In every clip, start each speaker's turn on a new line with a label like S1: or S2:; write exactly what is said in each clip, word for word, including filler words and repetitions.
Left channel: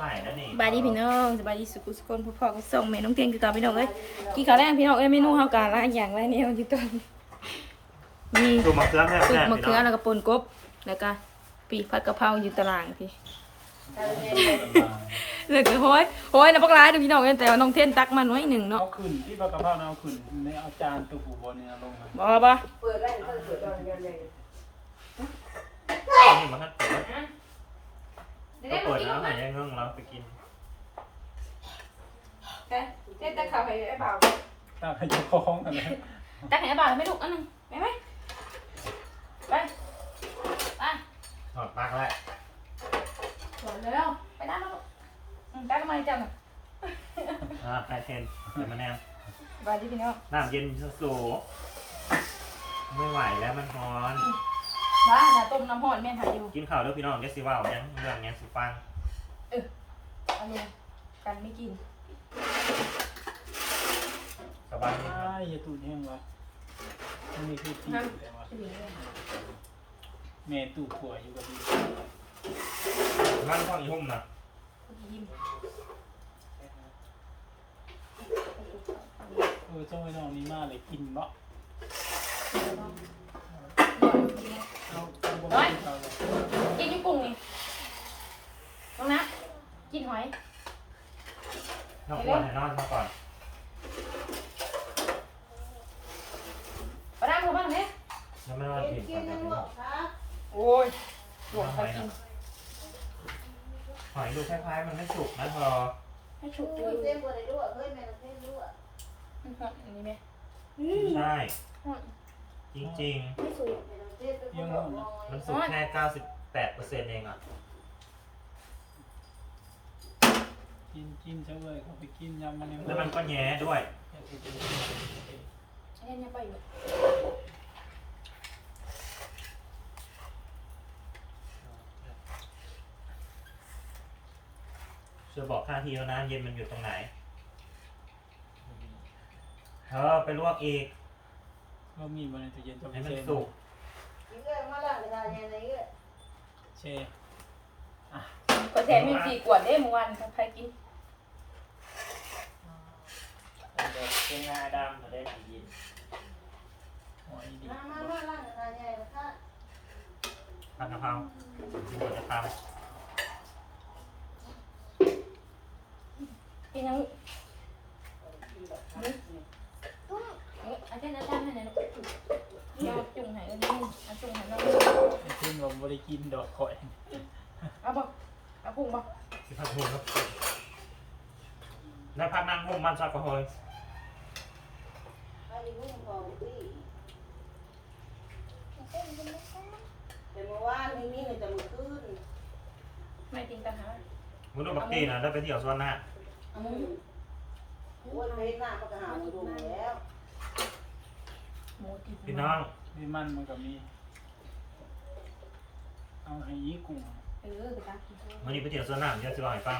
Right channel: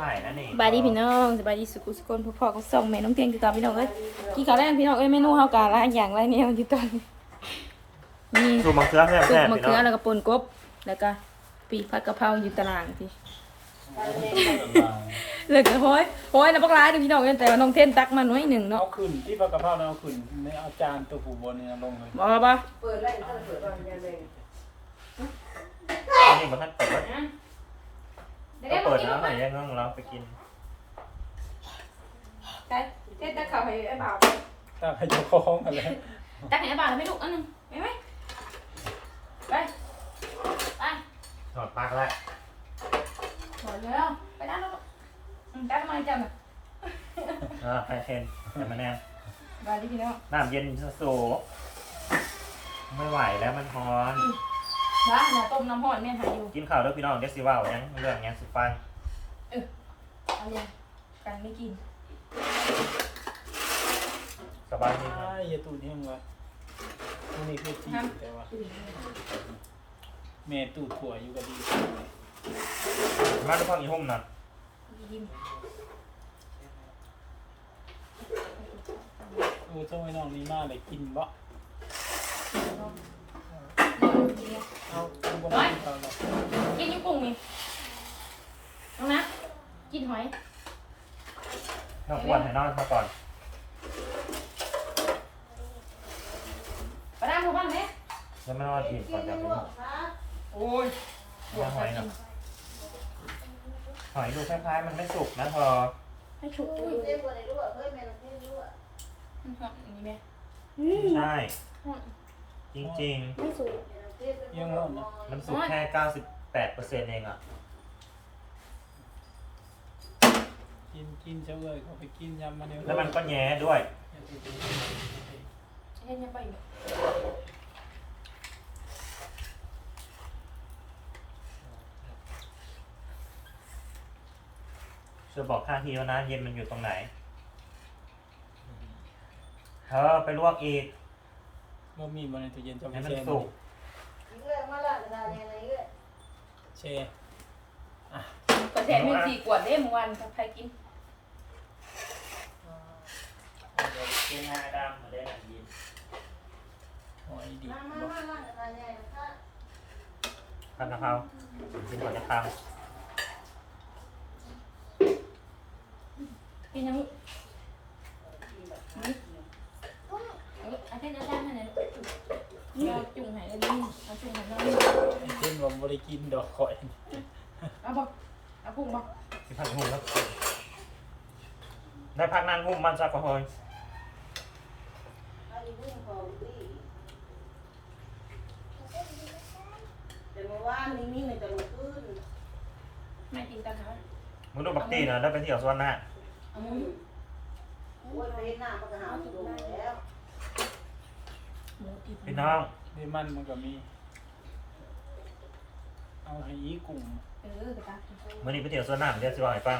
S1: ม่นั่นเอง
S2: สบายดีพี่น้องสบายดีสุขุสุคนพ่อพ่อก็ส่งแม่น้องเตียงคือเก่าพี่น้องเอ้ยกินข้าวแรงพี่น้องเอ้ยเมนูเฮากะละอย่างไรเนี่ยอยู่ตอนนี้มี
S1: สูบมะเขือแท้
S2: สุกมะเขือแล้วก็ป่นกบแล้วก็ปีกผัดกะเพราอยู่ตารางพี่เลยก็โห้ยโห้ยนะพวกร้ายดูพี่น้องเอ้ยแต่ว่าน้องเทนตักมาหน่อยหนึ่งเนาะ
S3: เอาขึ้นที่ปลากระเพราเอาขึ้นในเอาจานตัวผูบนนี่นะลงเลย
S2: บอกป่ะ
S4: เปิดไล่ถ้าเปิดตอนนี้เลย
S1: นี่มันท่านเปิดแล้วก็เปิดน้ำไหนยังเงี้ยเราไปกิน
S2: ไปเทนตักข้าวให้ไอ้บ่าว
S3: ตั้งให้เจ้าของกันเลย
S2: ตักให้ไอ้บ่าวแล้วไม่ดุอันนึงไปไหมไปไป
S1: ถอดปลั๊กแล้ว
S2: หมดแล้วไปนั่งแล้วตักมาให้จัง
S1: อ่าใส่เทนใส่มะนาว
S2: สบายดีพี่น้อง
S1: น้ำเย็นสูบไม่ไหวแล้วมันร้อน
S2: ว่าน่ะต้มน้ำหอดแม่หายอยู่
S1: กินข้าวแล้วพี่น้องเดี๋ยวสิว่ายังเรื่องยังสิฟัง
S2: เอาลงกันไม่กิน
S1: สบายดี
S3: อ้ายอย่าตูดแห้งละนี่คือที่แต่ว่าแม่ตูดถั่วอยู่กับดี
S1: มาที่ฟังอีหุ่มนะ
S2: กิน
S3: โอ้เจ้าไม่น้องนี่มากเลยกินวะเอาทำกันไปก่อน
S2: กินญี่ปุ่งนี่ตรงนะกินหอย
S1: น้องอ้วนให้นอนมาก่อน
S2: ปลาดามเขาบ้างไหม
S1: แล้วมานอนกินก่อนจะไป
S2: โอ้ยปวดขากิน
S1: หอยดูคล้ายๆมันไม่สุกนะพอ
S2: ให้ฉุกอยู่
S4: เล่นบนไหนด้วยเฮ้ยแม่เราเล่นด้วย
S2: มันฟังอันนี้ไหม
S1: ใช่จริง
S2: ไม่สุก
S3: ยังร้อนนะ
S1: ๆ มันสุกแค่เก้าสิบแปดเปอร์เซ็นต์เองอ่ะ
S3: กินกินเฉยเขาไปกินยำมันเดียว
S1: แล้วมันก็แย้ด้วย
S2: เล่นยังไปอยู่
S1: จะบอกค่าทีแล้วนะเย็นมันอยู่ตรงไหนเธอไปลวกอีก
S3: ก็มีมันในตู้เย็นจะ
S1: ให้
S3: ไม่
S1: มัน
S3: แช่
S1: สุก
S4: ยิงเลยมาละงานยังไงก็
S3: แช่
S2: ก็แถมมีสี่ขวดได้เมื่อวานใครกิน
S1: เป็นงาดำเลยยิน
S3: หอยดี
S4: มามามาละงานยังไงนะคะ
S1: ผัดกะเพรากินก่อนจะท
S2: กินยังนี่เอออาจารย์อาจารย์มาไหนเราจุ่มหายอันนี้เอาจุ่มหายอันนี้
S3: ไอ้เพิ่งว่าบริกินดอกข่อย
S2: เอาบอกเอาพุ่งบอก
S1: ำที่ผัดหุ่มแล้วได้ผัดนางหุ่มมันสักกะโหย
S4: ไอ้ยิ่งพอดีแต่เมื่อวานนี้มีเงินจะมาขึ้น
S2: ไม่กินกันฮะ
S1: มึงดูบักตีนะได้ไปเที่ยวสวนน้
S2: เอามุ้ย
S4: วันเว้นหน้าก็หาหมูแล้ว
S2: หมูกิน
S1: ำพี่น้อง
S3: ดิมันมันก็มีเอาไปยี่กุ้ง
S2: เออไปกัน
S1: วันนี้ไปเที่ยวสวนน้ำเดี๋ยวสิว่าให้ฟัง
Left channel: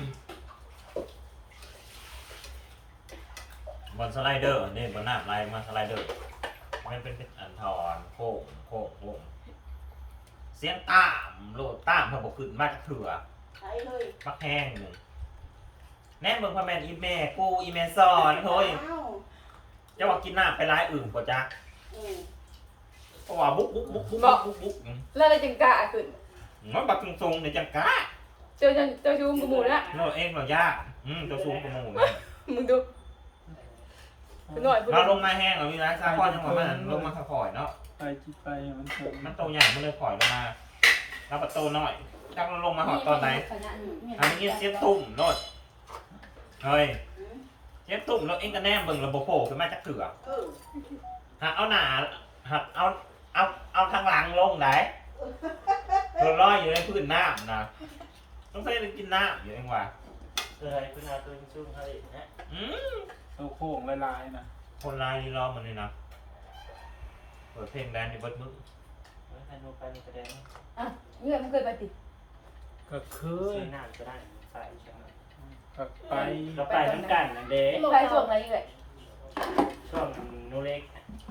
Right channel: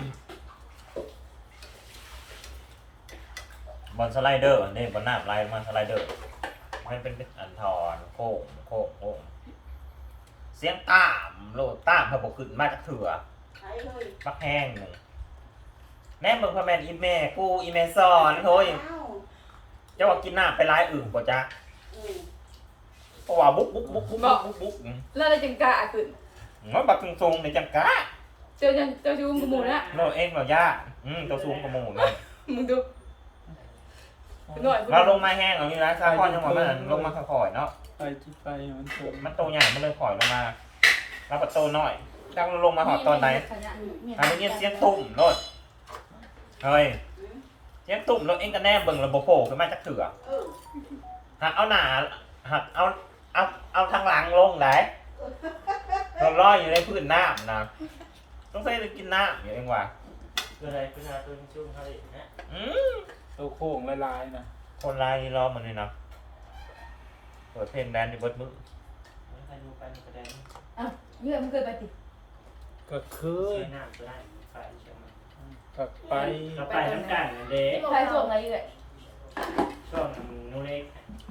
S1: บอลสไลเดอร์นี่บอลน้ำไล่มาสไลเดอร์มันเป็นอันทอนโค้งโค้งโค้งเสียงตามโลดตามพอบอกขึ้นมาจากเถื่อ
S4: ใช้เลย
S1: มักแห้งหนึ่งแม่มึงพ่อแม่อีแม่กูอีแม่สอนเฮ้ยจะว่ากินน้ำไปร้ายอื่นกว่าจ้ะเพราะว่าบุ๊กบุ๊กบุ๊กบุ๊กบุ๊กบุ๊ก
S2: แล้วอะไรจังกะขึ้น
S1: มันบักทรงๆในจังกะ
S2: เจอเจอชูมกับหมูแล้ว
S1: โน่เองเหรอย่าอืมตัวสูงกว่าหมูเลย
S2: มึงดูหน่อย
S1: เราลงมาแห้งเรามีร้านซาคอนทั้งหมดมันลงมาค่อยๆเนาะ
S3: ไปจิบไปมันเถื่อน
S1: มันโตใหญ่มันเลยข่อยลงมาแล้วก็โตน้อยจังมันลงมาหอดตอนไหนอันนี้เสียงตุ่มโลดเฮ้ยเสียงตุ่มโลดเองก็แนบเบิ่งระบบโผล่ขึ้นมาจากเถื่อ
S4: เออ
S1: หักเอาหนาหักเอาเอาเอาทางหลังลงไหนเราลอยอยู่ในพื้นน้ำนะต้องใส่กินน้ำอยู่เองว่ะ
S5: คืออะไรคืออะไรคือชุ่มทะเลเนี่ย
S1: อืม
S3: ตัวโค้งลายๆนะ
S1: คนลายรอมันนี่นะเปิดเพลงแดนในเบิร์ดมึง
S5: ไม่ใช่ดูไปมีกระเด็น
S2: อ่ะนี่มันเคยไปติ
S3: ก็เคย
S5: ใช้น้ำก็ได้ใส่ใช่ไหม
S3: ก็ไป
S5: ก็ไปทั้งกันเด็ก
S2: ใครช่วงไหนเลย
S5: ช่วงนูเล็ก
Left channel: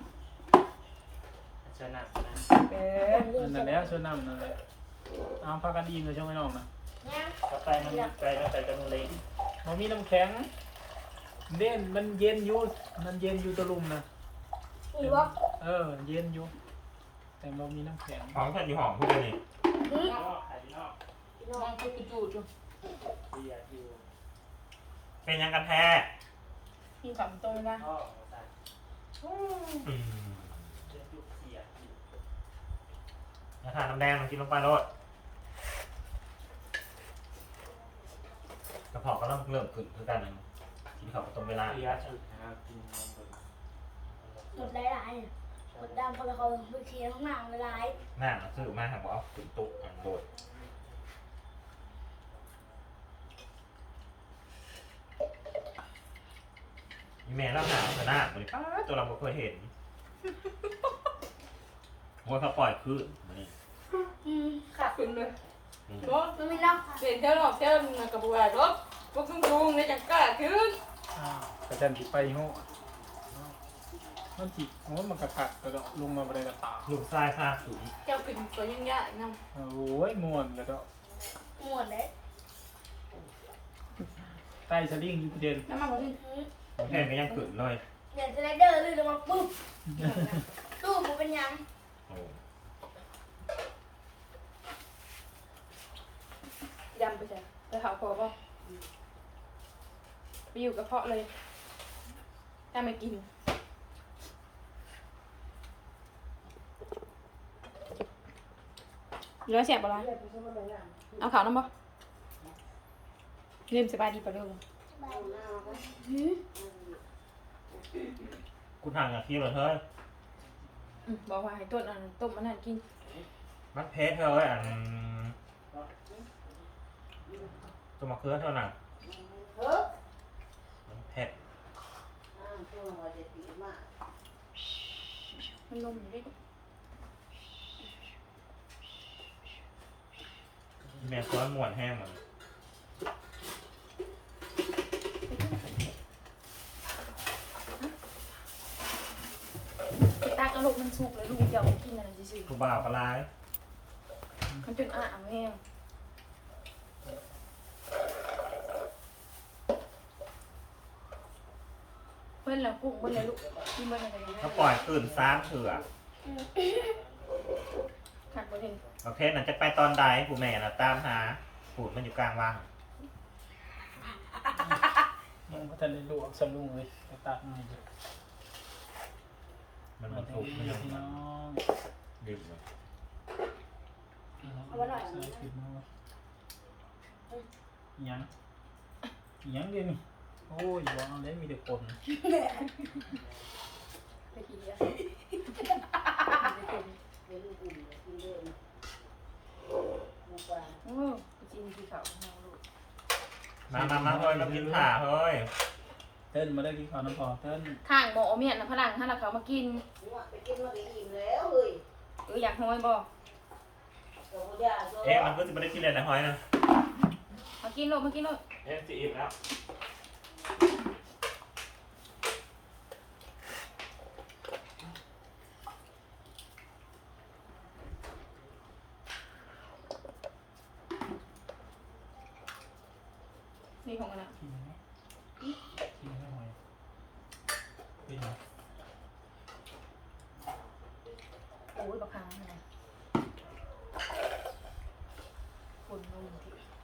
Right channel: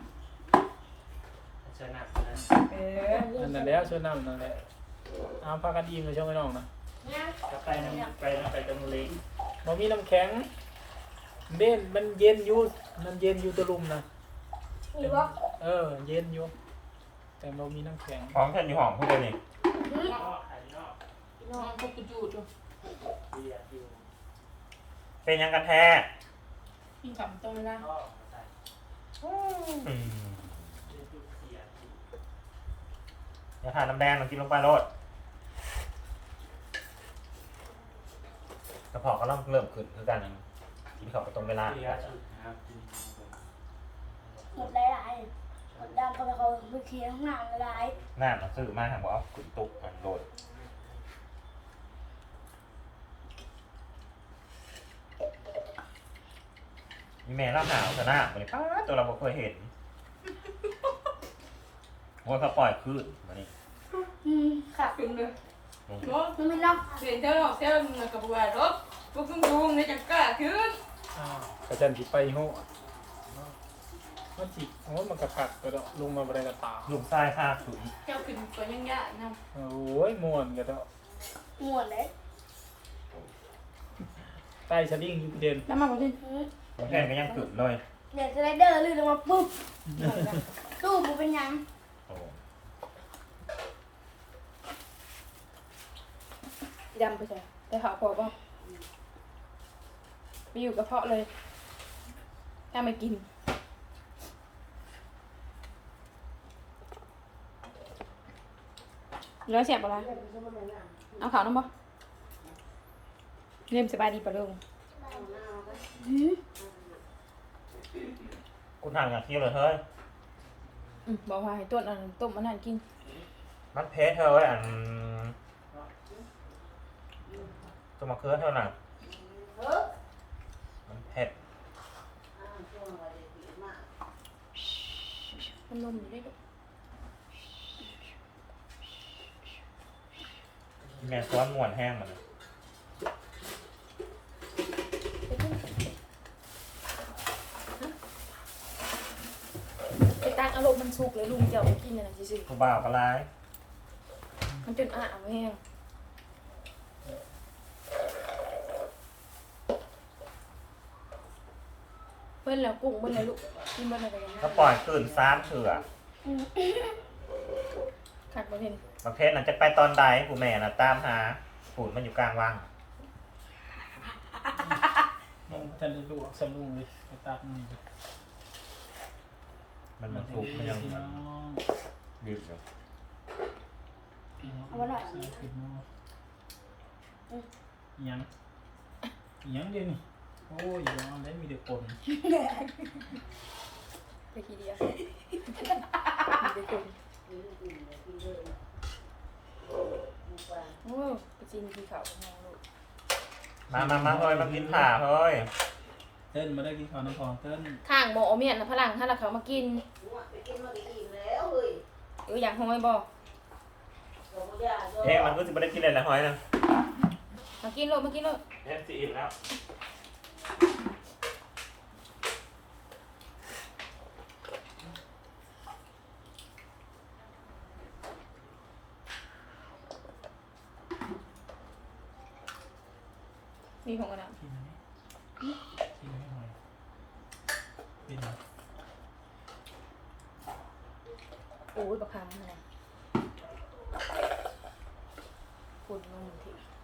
S5: ชนะนะ
S2: เออ
S3: นั่นแหละแล้วชวนน้ำนั่นแหละเอาพากันอิ่มเลยช่วงไม่น้องนะ
S2: เ
S5: จะไปน้ำไปแล้วไปจะนูเล็ก
S3: มันมีน้ำแข็งเด่นมันเย็นอยู่มันเย็นอยู่ตะลุมนะ
S2: นี่บ่
S3: เออเย็นอยู่แต่มันมีน้ำแข็ง
S1: ของเพื่อนอยู่ห้องพูดเลยนี่
S2: น้องเขากูจูดอยู่
S5: เรียกอยู่
S1: เป็นยังกันแท้
S2: กินขำโตเลยนะ
S5: พ่อใส่
S1: อืม
S5: เรียกอยู่เสีย
S1: แล้วทานน้ำแดงมันกินลงไปโลดกระเพาะก็ต้องเริ่มขึ้นคือกันกินของก็ตรงเวลา
S5: เสียสุดนะครับกินของคน
S6: หมดหลายๆหมดดำเพราะเขาไปเคลียร์ห้องน้ำหลาย
S1: หน้ามันซื้อมาหากว่าเอาขึ้นตุกมันโดดมีแม่เล่าหาวขนาดนี้ป้าตัวเราไม่เคยเห็นโอ้ยเขาปล่อยคือมานี่
S6: ๆอืมค่ะ
S2: ขึ้นเลย
S1: ลง
S2: โอ้
S6: มันไม่เนาะ
S2: เห็นเท่าหรอกเท่ามึงกับบัวรถพวกมึงดูในจังกล้าขึ้น
S3: กระจันติไปโง่มันจิโง่มันกระกัดกระดลงมาอะไรกระตา
S1: ลุงทรายภาคสูง
S2: เจ้าขึ้นตัวยังยากนะ
S3: โอ้ยม่วนกระด
S6: หมดเลย
S3: ใต้สลิงอยู่เด่น
S2: น้ำมันมาดิ
S6: อืม
S1: น้องเพนก็ยังขึ้นเลย
S6: เดี๋ยวสไลเดอร์ลื่นลงมาปุ๊บตู้มันเป็นยัง
S1: โอ้
S2: ดำไปใช่แต่ขาวพอป่ะไปอยู่กระเพาะเลยถ้าไม่กินร้อยแสบปะล่ะเอาขาวน้ำบ่เริ่มสบายดีปะลูก
S6: หืม
S1: กูทางอ่ะเที่ยวเลยเฮ้ย
S2: อืมบอกว่าให้ต้นอันต้มมันนั่นกิน
S1: มันเพชรเฮ้ยอันจะมาเคื่อเท่านั้น
S4: เออ
S1: มันเพชร
S4: อ่าช่วงวันเด็กมาก
S2: มันนุ่มดิ
S1: แม่ซ้อนมวนแห้งหมดเลย
S2: ไปตักเอารมณ์มันสุกเลยลุงจะเอาไปกินอะไรสิ
S1: กูบ่าวก็ร้าย
S2: มันจนอ่างแห้งเพื่อนเราปรุงมันเลยลูกกินมันอะไร
S1: ก็ปล่อยตื่นซ้ำเถื่อ
S6: อืม
S2: ขัดมาเห็น
S1: บางเพชรน่ะจะไปตอนใดกูแม่น่ะตามหาปูดมันอยู่กลางว่าง
S3: ยังพัฒนาดูสลุงเลยกระตาหน่อย
S1: มันมันสุกไม่
S3: พี่
S1: ต้อง
S3: น้อง
S1: ดิบเลย
S6: เอามาหน่อย
S3: ใส่พี่น้องยังยังเดี๋ยวนี้โอ้ยย้อนได้มีแต่คน
S2: ไปกินเยอะ โอ้ไปกินที่เขา
S1: มามามาเฮ้ยมากินผ่าเฮ้ย
S3: เต้นมาได้กินข้าวน้ำพองเต้น
S2: ข้างหมอเมียนพลังถ้าเราเขามากิน
S4: ไปกินมาอิ่มแล้วเฮ้ย
S2: เอออยากห้อยบอก
S4: กับพ่อยา
S1: เอ๊ะมันก็จะไม่ได้กินเลยนะเฮ้ยนะ
S2: มากินโลมากินโล
S1: เอ๊ะสิอิ่มแล้ว
S2: มีของกันนะ
S3: กินไหมกินไม่หอยเป็นไง
S2: โอ้ยบักคำอะไรคุณงงที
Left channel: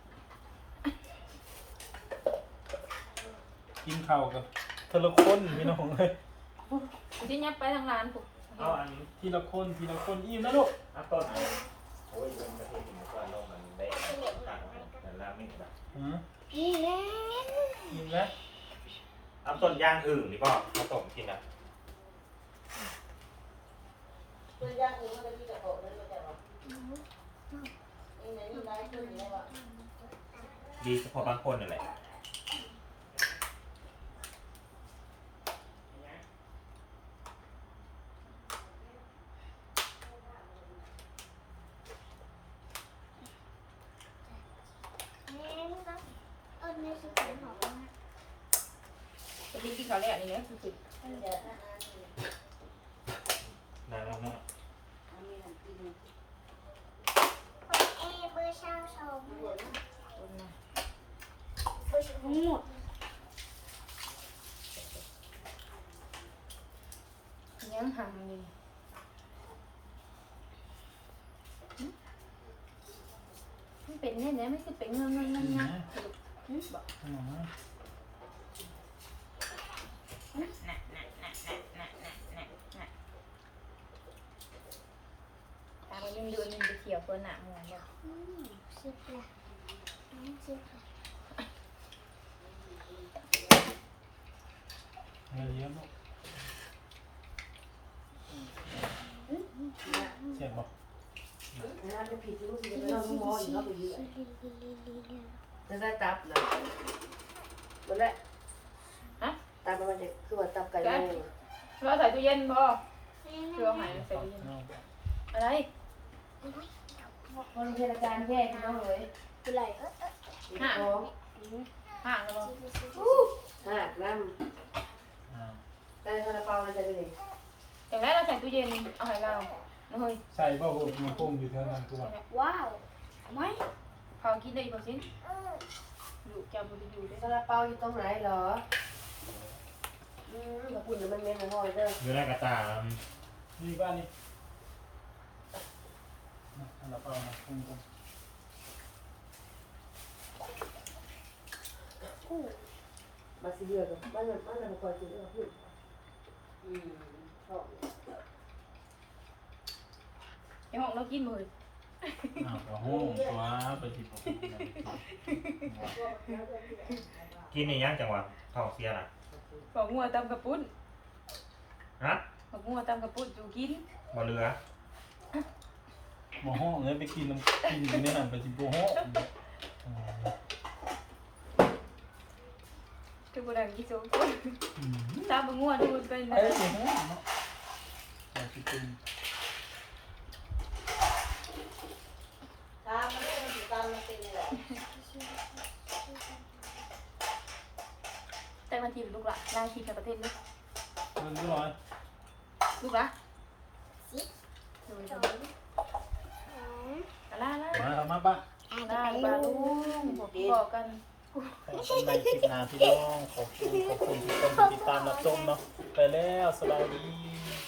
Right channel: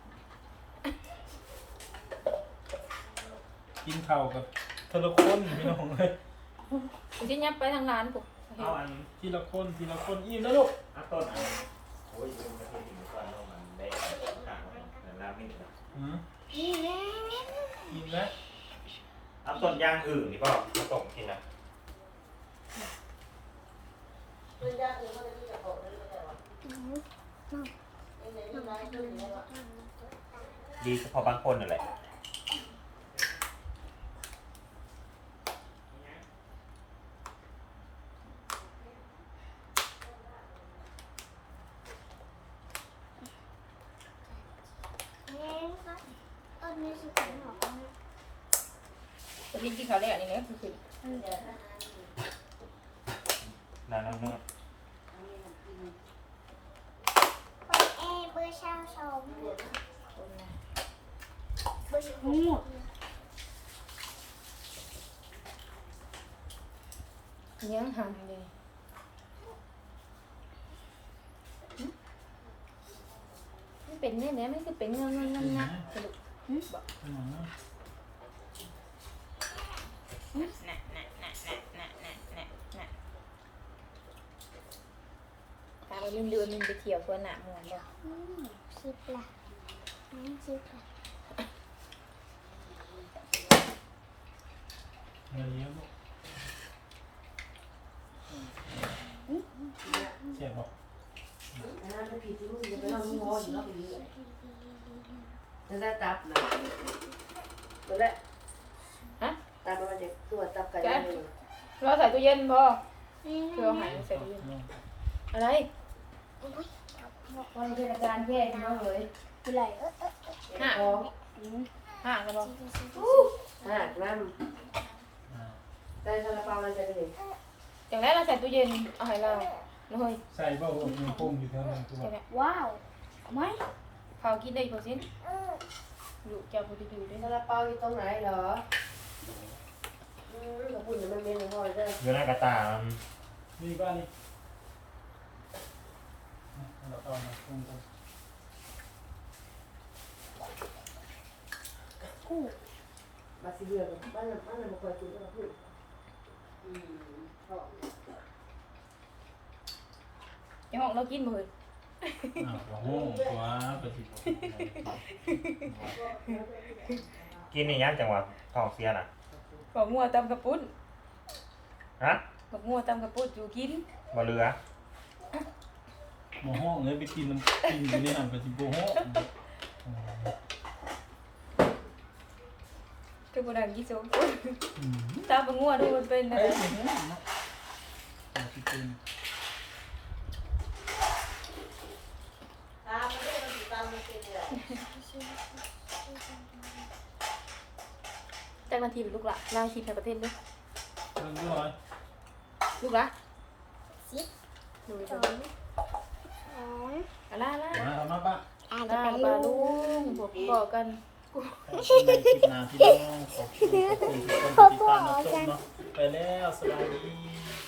S3: กินข้าวกับทีละคนพี่น้องเลย
S2: คุณจะยับไปทางร้านผม
S1: เอาอันนี้
S3: ทีละคนทีละคนอิ่มแล้วลูก
S1: เอาต้นอันนี้โอ้ยมันกระเทียมหมูกรอบมันแดงต่างๆเหมือนราเมงแบบ
S3: อืม
S6: นี่แน่
S3: อิ่มแล้ว
S1: เอาต้นย่างอึ่งดีป่ะเอาต้มกินอ่ะ
S4: พ่อยาอื่นมันจะมีกระโปรงแล้วแต่ว่านี่ไหนนี่ไหนอยู่แล้ว
S1: ดีเฉพาะบางคนนั่นแหละ
S6: อันนี้คือของของแม่
S2: จะมีกินข้าวได้อย่างนี้คือคือ
S1: นั่นนั่นนั่น
S6: เอ้เบอร์เช้าสองทั้งหมด
S2: ยังห่างเลยมันเป็นแน่ๆไม่ใช่เป็นเงินเงินเงินนะ
S3: อืม
S2: ตามันยืนๆมันไปเที่ยวตัวหนาเหมือนกัน
S6: อืมสิบละน้องสิบละ
S3: เงินเยอะมั้งเจ็บบอก
S4: งานจะผิดรู้สึกจะไม่เอาลูกมออยู่เนาะไปเรื่อยจะได้ตับนะตัวแรก
S2: ฮะ
S4: ตับมันจะตัวตับไก่แม่
S2: เราใส่ตู้เย็นพอเพื่อหายใส่ตู้เย็นอะไรตอนเทศกาลแย่ขึ้นมาเลย
S6: เป็นไร
S2: ห่า
S4: ท้อง
S6: อืม
S2: ห่าแล้วบอก
S4: หักน้ำแต่ซาลาเปามันจะเป็น
S2: อย่างแรกเราใส่ตู้เย็นเอาให้เราเลย
S3: ใส่เบ้าอบมีปุ่มอยู่เท่านั้นคือว่า
S6: ว้าวเอาไหม
S2: เขากินได้พอสิอยู่จะมันอยู่ได้
S4: ซาลาเปาอยู่ตรงไหนเหรออืมกระปุ่นมันเมนหอยเด้อ
S1: อยู่ในกระตา
S3: นี่บ้านนี่เราก็มาคุ้มกัน
S6: กู้
S4: มาสิเดียวกันมันมันมันมาคอยกินเรื่องอืมชอบ
S2: ไอห้องเรากินมือ
S3: อ้าวก็ห้องตัวไปสิบ
S1: กินในย่างจังหวัดท้องเสียน่ะ
S2: บอกงัวตำกระปุ้น
S1: ฮะ
S2: บอกงัวตำกระปุ้นอยู่กิน
S1: บ่เรือ
S3: มาห้องเลยไปกินน้ำกินอยู่ในหันไปสิบห้อง
S2: ก็บุดังกี่สูงตามบอกงัวดูมันเป็น
S3: เอ้ยสิบห้องเนาะแต่สิเป็น
S4: ตามมันได้มันสิตามมันสิแหละ
S2: แต่บางทีลูกละนางคิดในประเทศด้วย
S3: เรื่องด้วย
S2: ลูกละ
S6: สิบ
S2: ดู
S6: ส
S2: ดู
S6: องสอง
S2: อะไรนะ
S3: มามาป้า
S6: อ่านจะไป
S2: ลู
S6: ลูก
S2: บอกกัน
S3: ในคลิปหน้าที่น้องขอบคุณขอบคุณทุกคนที่ติดตามรับชมเนาะไปแล้วสวัสดี